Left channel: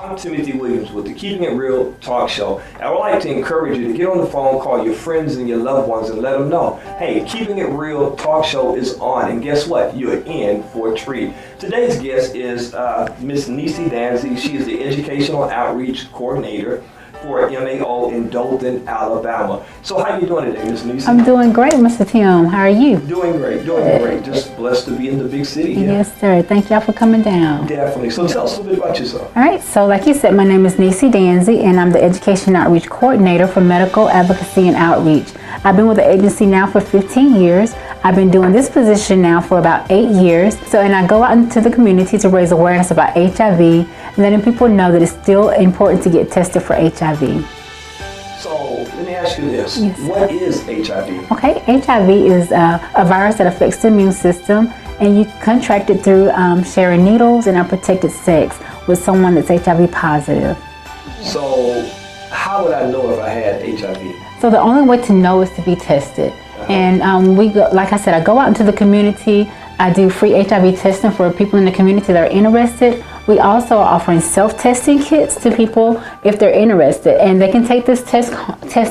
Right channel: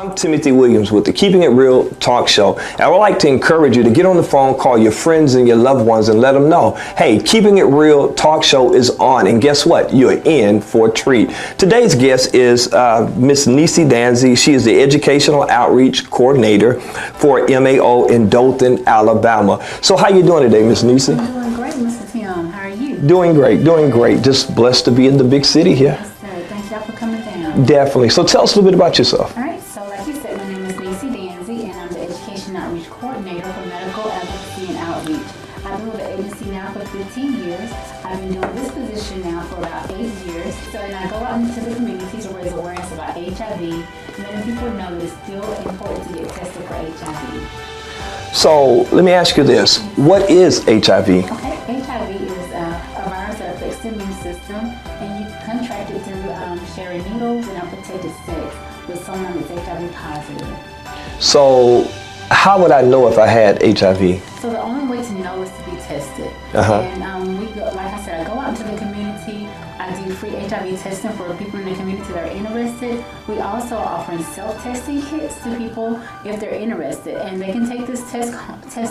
I'm Timothy Williams with the Keeping It Real talk show. And I would like to encourage you to get on the phone, call your friends and your loved ones and let them know, hey, Keeping It Real talk show is on. And guess what? You're in for a treat. Today's guest is Miss Neice Danzey. She is the Educational Outreach Coordinator for MAO in Dothan, Alabama. So how you doing today, Miss Neice? I'm doing great, Mr. Tim. How are you? Doing great, doing great. Just blessed to be in the big city here. Yes, sir. Thank y'all for coming down. Definitely. So tell us a little bit about yourself. All right. So like you said, my name is Neice Danzey, and I'm the Education Outreach Coordinator for Medical Advocacy and Outreach. I've been with the agency now for 15 years. I've been doing this position now for about 8 years. And I go out into the community to raise awareness about HIV, and letting people know that it's still important to get tested for HIV. So let me ask you this. Yes. What is HIV? Okay, HIV is a virus that affects the immune system, and you contract it through sharing needles and unprotected sex with someone that's HIV positive. So how would I know if I had HIV? So the only way to know is to be tested. And we go, like I said, I go out into the community. I do free HIV testing for people in the community that are interested. We also are offering self-testing kits to people if they're interested, and they can take this test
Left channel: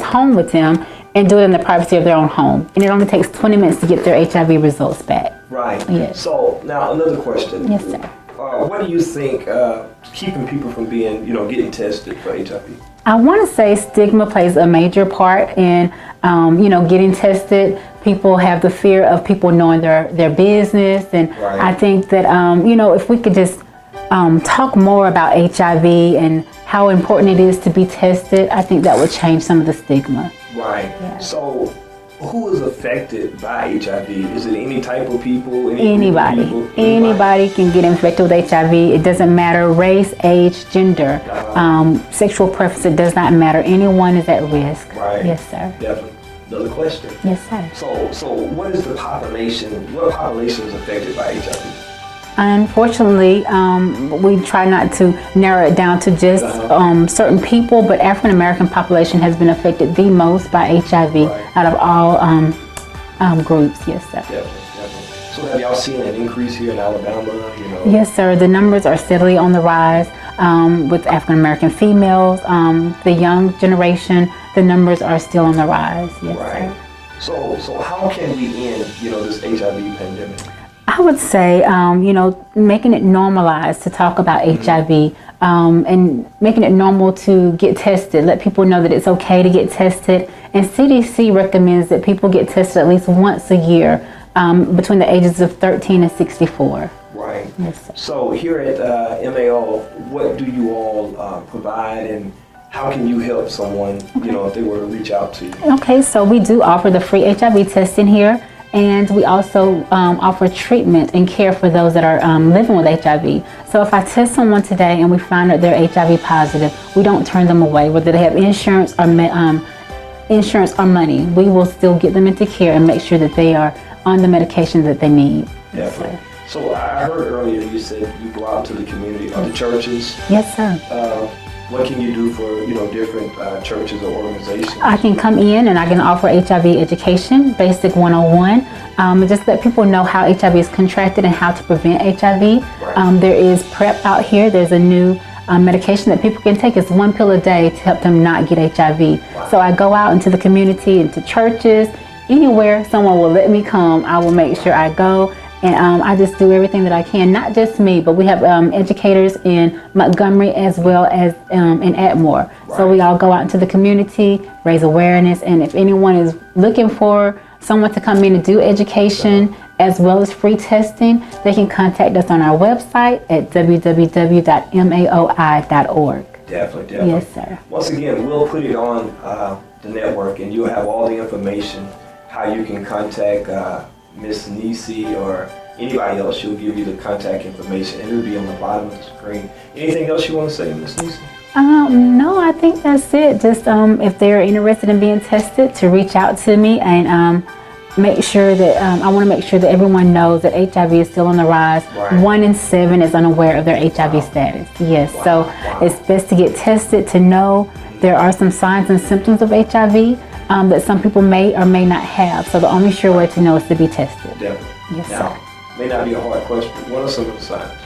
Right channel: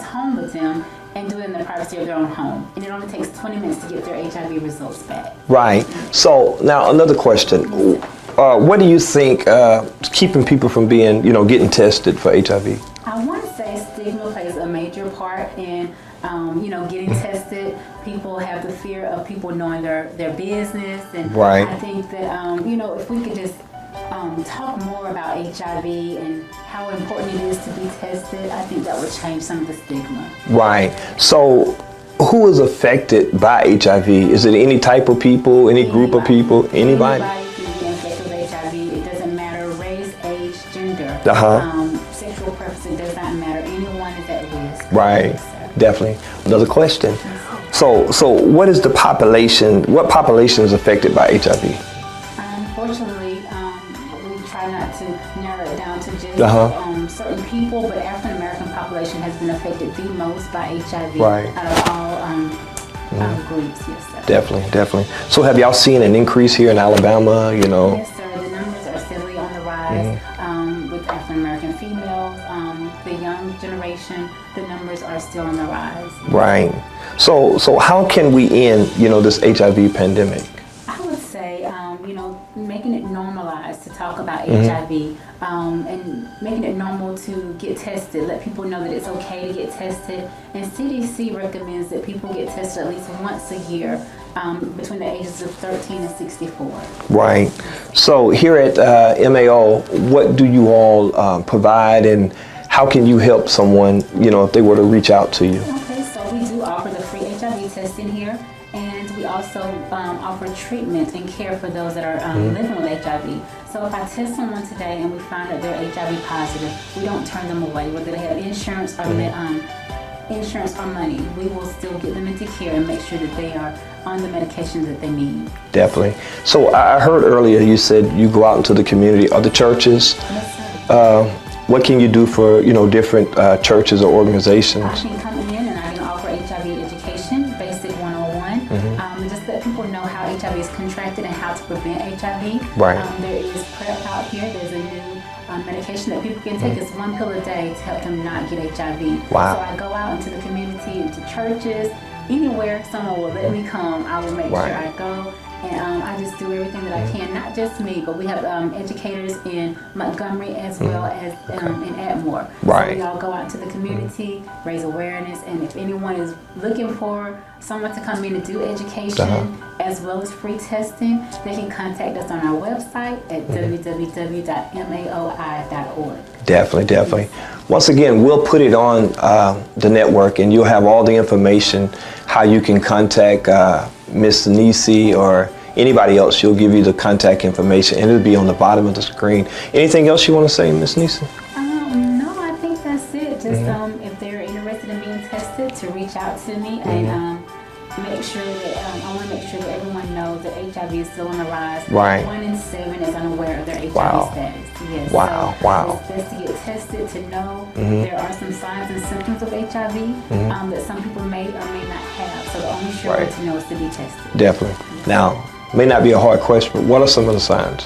home with them and do it in the privacy of their own home. And it only takes 20 minutes to get their HIV results back. Right. Yes. So now another question. Yes, sir. What do you think is keeping people from being, getting tested for HIV? I want to say stigma plays a major part in, getting tested. People have the fear of people knowing their business, and right. I think that if we could just talk more about HIV and how important it is to be tested, I think that would change some of the stigma. Right. So who is affected by HIV? Is it any type of people, any group of people? Anybody can get infected with HIV. It doesn't matter race, age, gender, sexual preference. It does not matter. Anyone is at risk. Right. Yes, sir. Definitely. Another question. Yes, sir. So what is the population? What population is affected by HIV? Unfortunately, we try not to narrow it down to just certain people, but African American population has been affected the most by HIV out of all groups. Yes, sir. Definitely. So have y'all seen an increase here in Alabama? Yes, sir. The numbers are steadily on the rise with African American females. The young generation, the numbers are still on the rise. Yes, right. Sir. So how can we end, this HIV pandemic? I would say, making it normalized to talk about HIV and making it normal to get tested. Let people know that it's okay to get tested. And CDC recommends that people get tested at least once a year between the ages of 13 and 64. Right. So here at MAO, what do you all provide, and how can you help someone, if they were to reach out to you? Okay, so we do offer the free HIV testing here. And we also offer treatment and care for those that are living with HIV. So if I test someone today and we find that they're HIV positive, we don't turn them away, whether they have insurance or money. We will still get them into care and make sure that they are on the medications that they need. Definitely. So I heard earlier you said you go out into the community. Are the churches? Yes, sir. What can you do for, different churches or organizations? I can come in and I can offer HIV education, basic 101, and just let people know how HIV is contracted and how to prevent HIV. Right. There is PrEP out here. There's a new medication that people can take. It's 1 pill a day to help them not get HIV. Wow. So I go out into the community, into churches, anywhere someone will let me come, I will make sure I go. And I just do everything that I can, not just me, but we have educators in Montgomery as well as in Atmore. Right. So we all go out into the community, raise awareness, and if anyone is looking for someone to come in and do education as well as free testing, they can contact us on our website at www.maoi.org. Definitely. Yes, sir. Once again, we'll put it on the network, and you'll have all the information, how you can contact Miss Neice or anybody else. She'll give you the contact information, and it'll be on the bottom of the screen. Anything else you want to say, Miss Neice? No, I think that's it. Just if they're interested in being tested, to reach out to me and make sure that I want to make sure that everyone knows that HIV is still on the rise. Right. 1 in 7 is unaware of their HIV status. Yes. So it's best to get tested to know there are some signs and symptoms of HIV that some people may or may not have. So the only sure way to know is to be tested. Definitely. Yes, now, sir. May not be a hard question, but what are some of the signs?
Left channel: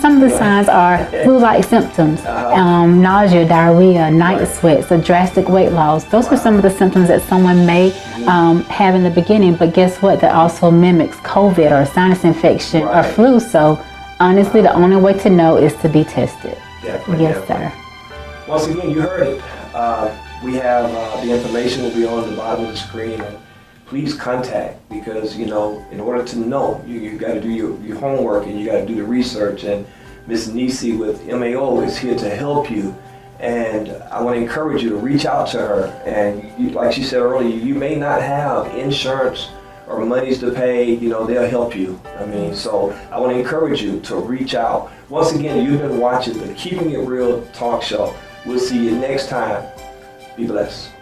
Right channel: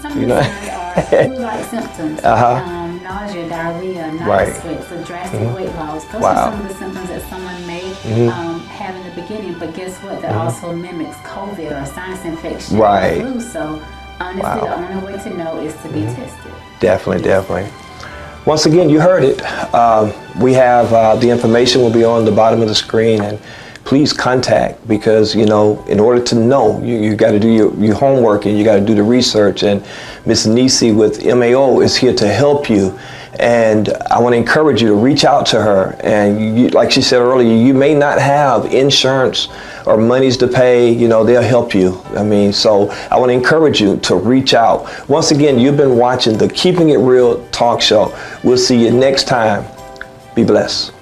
Some of the signs are flu-like symptoms, nausea, diarrhea, night sweats, a drastic weight loss. Those are some of the symptoms that someone may have in the beginning, but guess what? That also mimics COVID or sinus infection or flu. So honestly, the only way to know is to be tested. Definitely, Yes, definitely. sir. Once again, you heard it. We have the information will be on the bottom of the screen, and please contact, because in order to know, you got to do your homework and you got to do the research. And Miss Neice with MAO is here to help you. And I want to encourage you to reach out to her. And like she said earlier, you may not have insurance or monies to pay, they'll help you. So I want to encourage you to reach out. Once again, you've been watching the Keeping It Real talk show. We'll see you next time. Be blessed.